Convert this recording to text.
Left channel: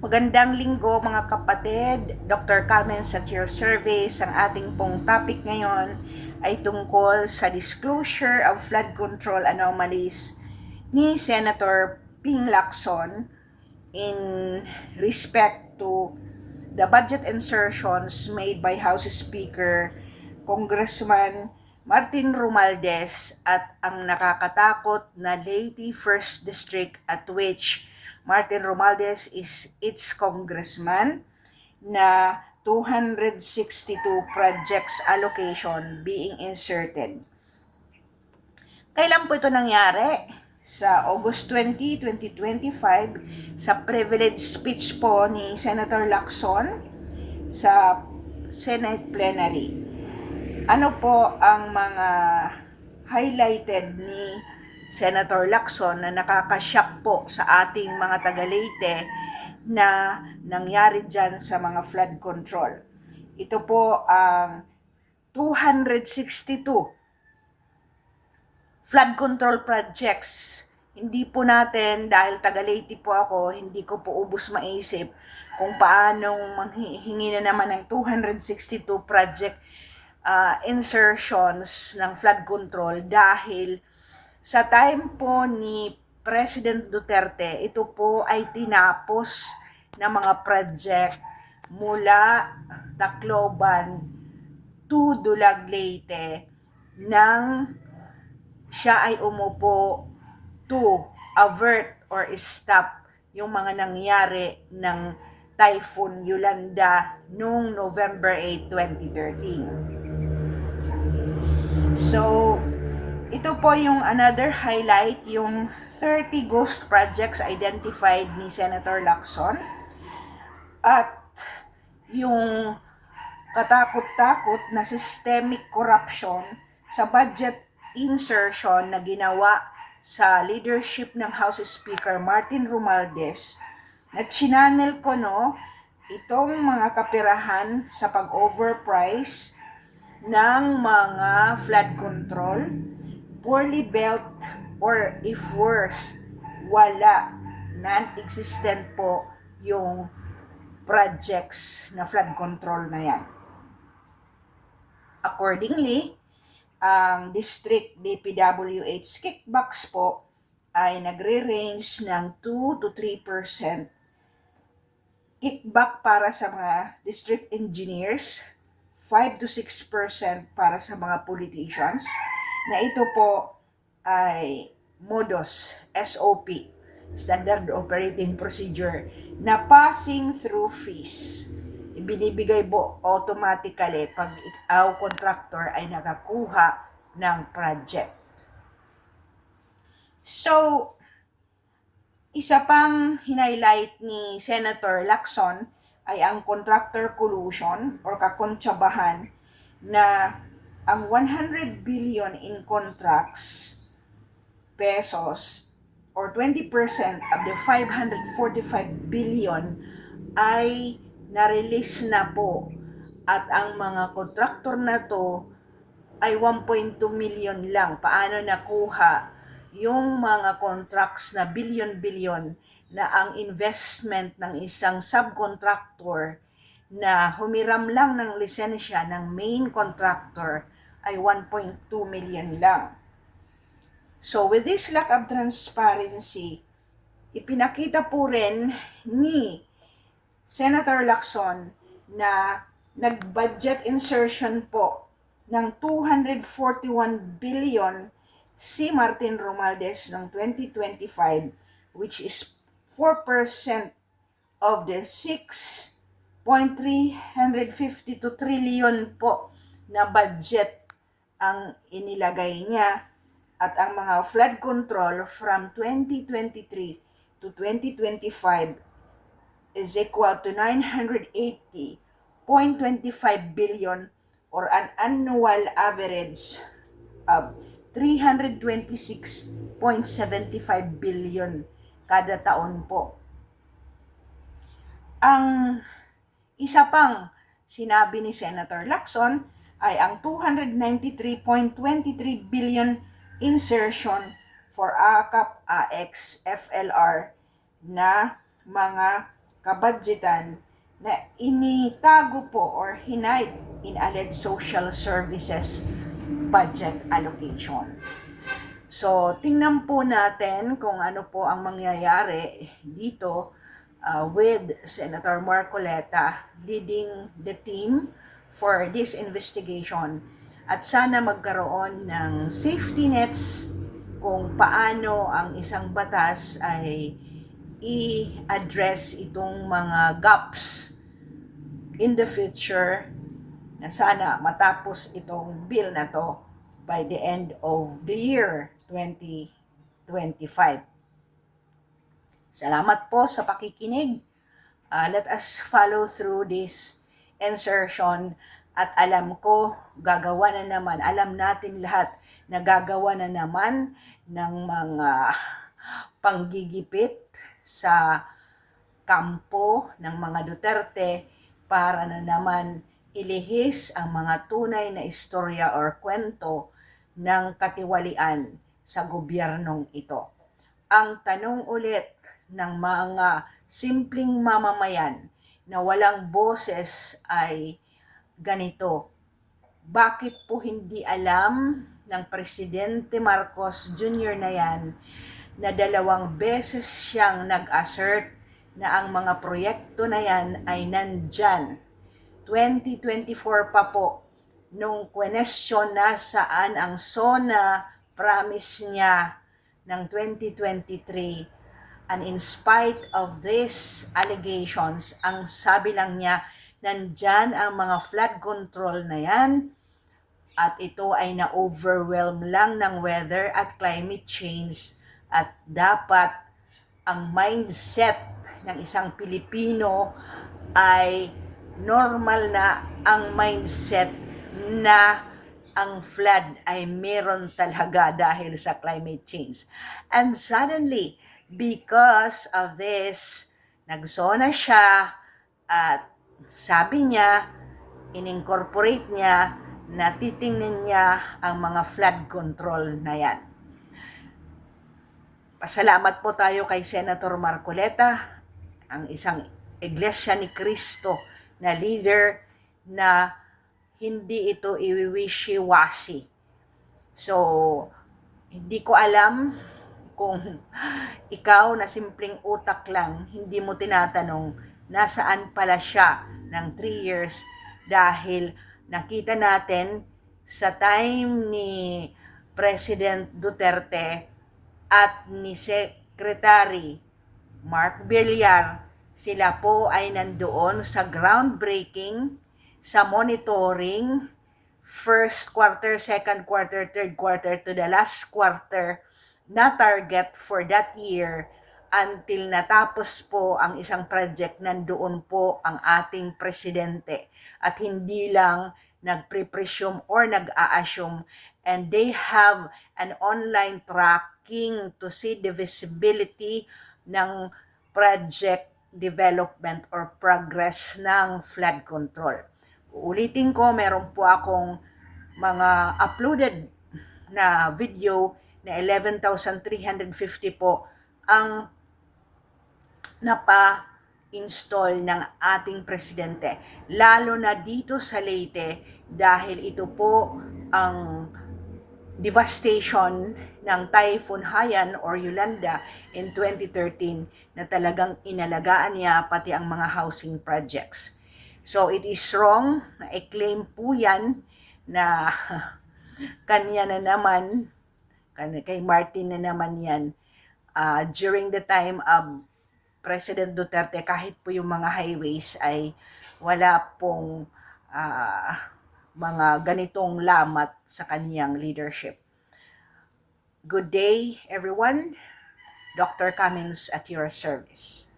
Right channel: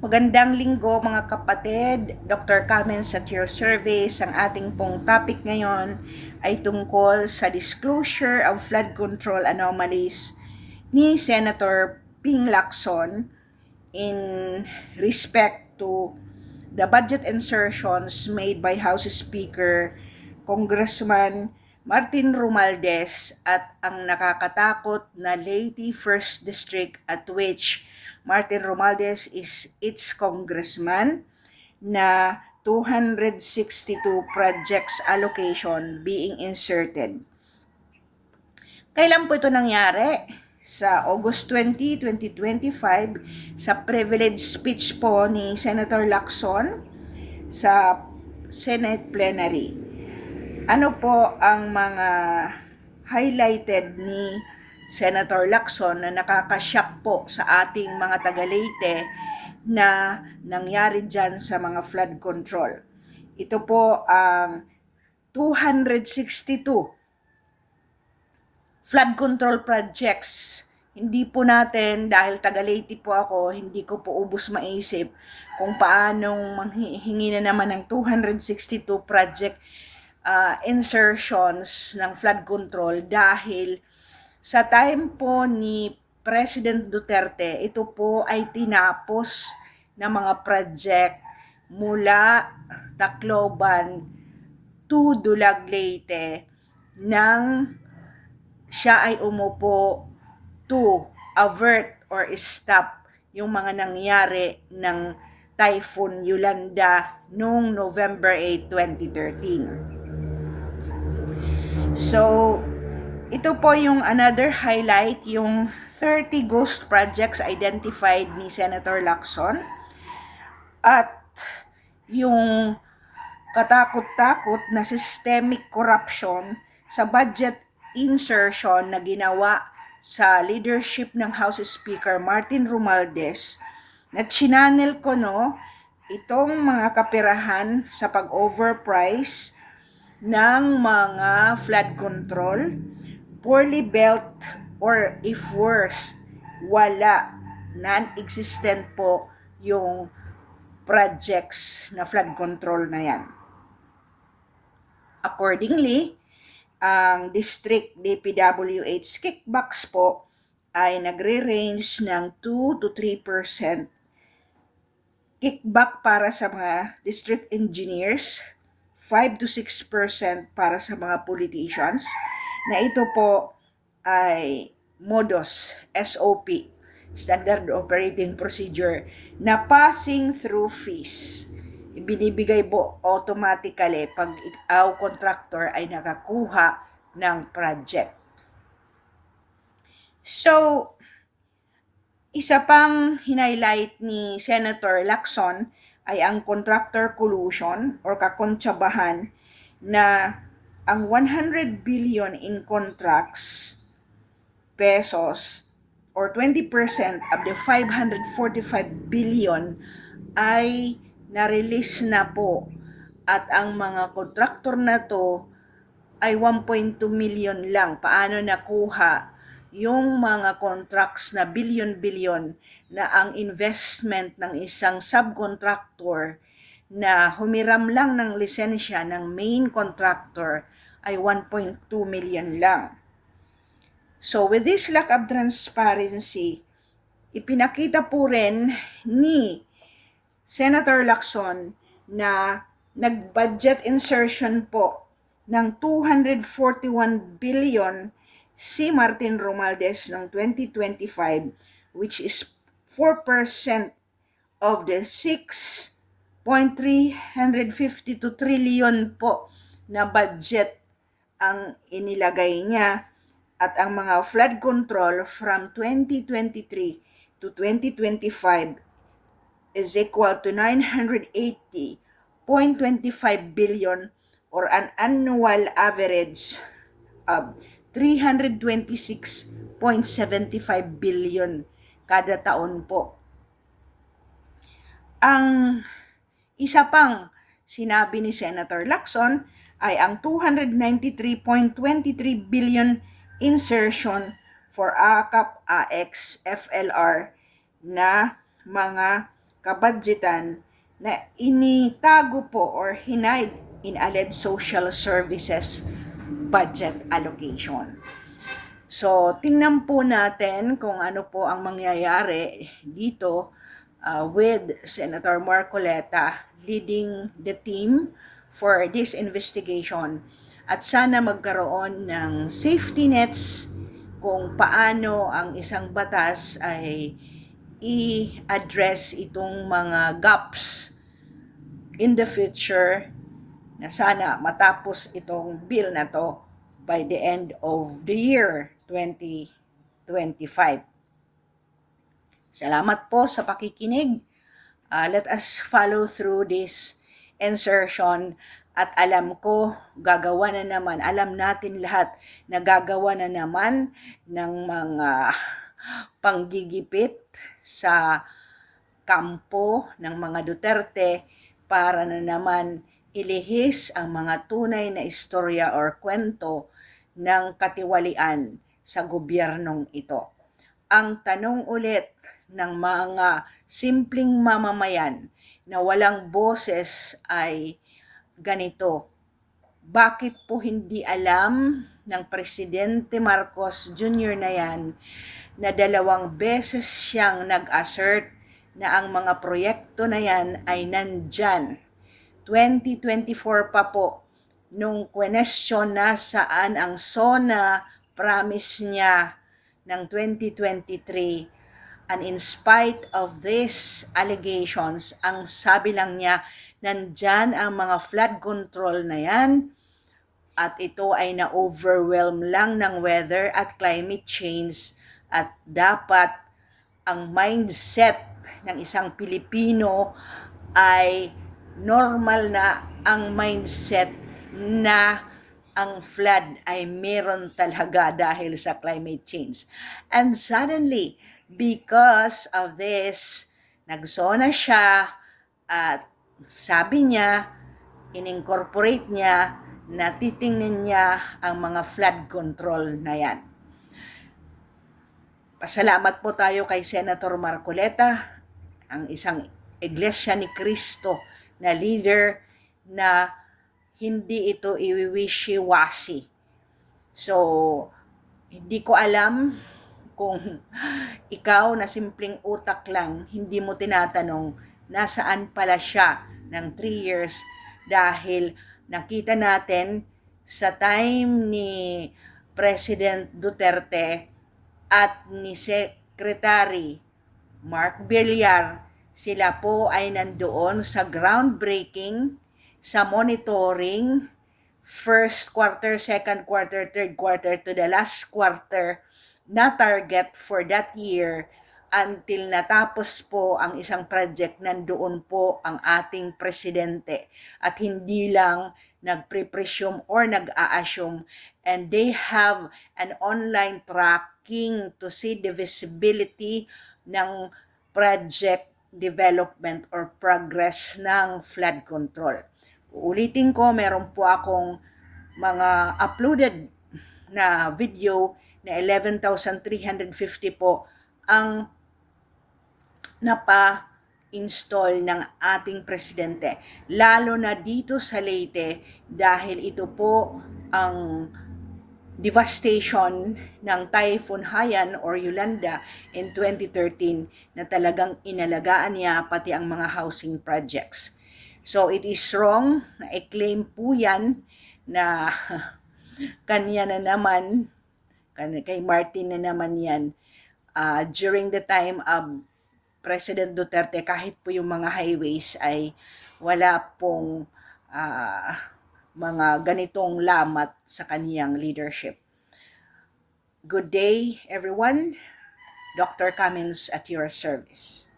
Magandang linggo mga kapatid, Dr. Carmen's at your service. Ang ating pong topic ngayon ay tungkol sa disclosure of flood control anomalies ni Senator Ping Lacson in respect to the budget insertions made by House Speaker Congressman Martin Romualdez at ang nakakatakot na Leyte 1st District at which Martin Romualdez is its congressman na 262 projects allocation being inserted. Kailan po ito nangyari? Sa August 20, 2025 sa privilege speech po ni Senator Lacson sa Senate plenary. Ano po ang mga highlighted ni Senator Lacson na nakakashock po sa ating mga taga-Leyte na nangyari dyan sa mga flood control? Ito po ang 262 flood control projects. Hindi po natin, dahil taga-Leyte po ako, hindi ko po ubos maisip kung paanong manghihingi na naman ng 262 project insertions ng flood control dahil sa time po ni President Duterte, ito po ay tinapos na mga project mula Tacloban to Dulag, Leyte nang siya ay umupo to avert or stop yung mga nangyari ng Typhoon Yolanda noong November 8, 2013. So, ito po yung another highlight, yung 30 ghost projects identified ni Senator Lacson at yung katakot-takot na systemic corruption sa budget insertion na ginawa sa leadership ng House Speaker Martin Romualdez na chinannel ko itong mga kapirahan sa pag-overprice ng mga flood control, poorly built, or if worse, wala, non-existent po yung projects na flood control na yan. Accordingly, ang District DPWH kickbacks po ay nagre-range ng 2 to 3% kickback para sa mga district engineers, 5 to 6% para sa mga politicians, na ito po ay modus, SOP, Standard Operating Procedure, na passing through fees. Ibinibigay po automatically pag ikaw contractor ay nakakuha ng project. So, isa pang highlight ni Senator Lacson ay ang contractor collusion or kakontsabahan na ang 100 billion in contracts pesos or 20% of the 545 billion ay na-release na po at ang mga kontraktor na to ay 1.2 million lang. Paano nakuha yung mga contracts na billion-billion na ang investment ng isang subcontractor na humiram lang ng lisensya ng main contractor ay 1.2 million lang. So with this lack of transparency, ipinakita po rin ni Senator Lacson na nag-budget insertion po ng 241 billion si Martin Romualdez ng 2025, which is 4% of the 6.352 trillion po na budget ang inilagay niya, at ang mga flood control from 2023 to 2025 is equal to 980.25 billion or an annual average of 326.75 billion kada taon po. Ang isa pang sinabi ni Senator Lacson ay ang 293.23 billion insertion for AKAP, AX, FLR na mga kabadgetan na initago po or hinide in alleged social services budget allocation. So, tingnan po natin kung ano po ang mangyayari dito with Senator Marcoleta leading the team for this investigation. At sana magkaroon ng safety nets kung paano ang isang batas ay i-address itong mga gaps in the future na sana matapos itong bill na to by the end of the year 2025. Salamat po sa pakikinig. Let us follow through this insertion at alam ko gagawa na naman, alam natin lahat na gagawa na naman ng mga panggigipit sa kampo ng mga Duterte para na naman ilihis ang mga tunay na istorya or kwento ng katiwalian sa gobyernong ito. Ang tanong ulit ng mga simpleng mamamayan na walang boses ay ganito: bakit po hindi alam ng Presidente Marcos Jr. na yan na 2 beses siyang nag-assert na ang mga proyekto na yan ay nandyan? 2024 pa po, nung question na saan ang SONA promise niya ng 2023, and in spite of these allegations, ang sabi lang niya, nandyan ang mga flood control na yan at ito ay na-overwhelm lang ng weather at climate change at dapat ang mindset ng isang Pilipino ay normal na ang mindset na ang flood ay meron talaga dahil sa climate change. And suddenly, because of this, nagsona siya at sabi niya, in-incorporate niya, na titingnan niya ang mga flood control na yan. Pasalamat po tayo kay Senator Marcoleta, ang isang Iglesia ni Cristo na leader na hindi ito iwiwishy-washy. So, hindi ko alam kung ikaw na simpleng utak lang, hindi mo tinatanong nasaan pala siya ng 3 years dahil nakita natin sa time ni President Duterte at ni Secretary Mark Villar, sila po ay nandoon sa groundbreaking, sa monitoring, first quarter, second quarter, third quarter to the last quarter na target for that year until natapos po ang isang project, nandoon po ang ating presidente at hindi lang nagpre-presume or nag-a-assume, and they have an online tracking to see the visibility ng project development or progress ng flood control. Ulitin ko, meron po akong mga uploaded na video na 11,350 po ang napa-install ng ating presidente. Lalo na dito sa Leyte dahil ito po ang devastation ng Typhoon Haiyan or Yolanda in 2013 na talagang inalagaan niya pati ang mga housing projects. So it is wrong na i-claim po yan na kanya na naman, kay Martin na naman yan. During the time of President Duterte, kahit po yung mga highways ay wala pong mga ganitong lamat sa kaniyang leadership. Good day, everyone. Dr. Cummings at your service.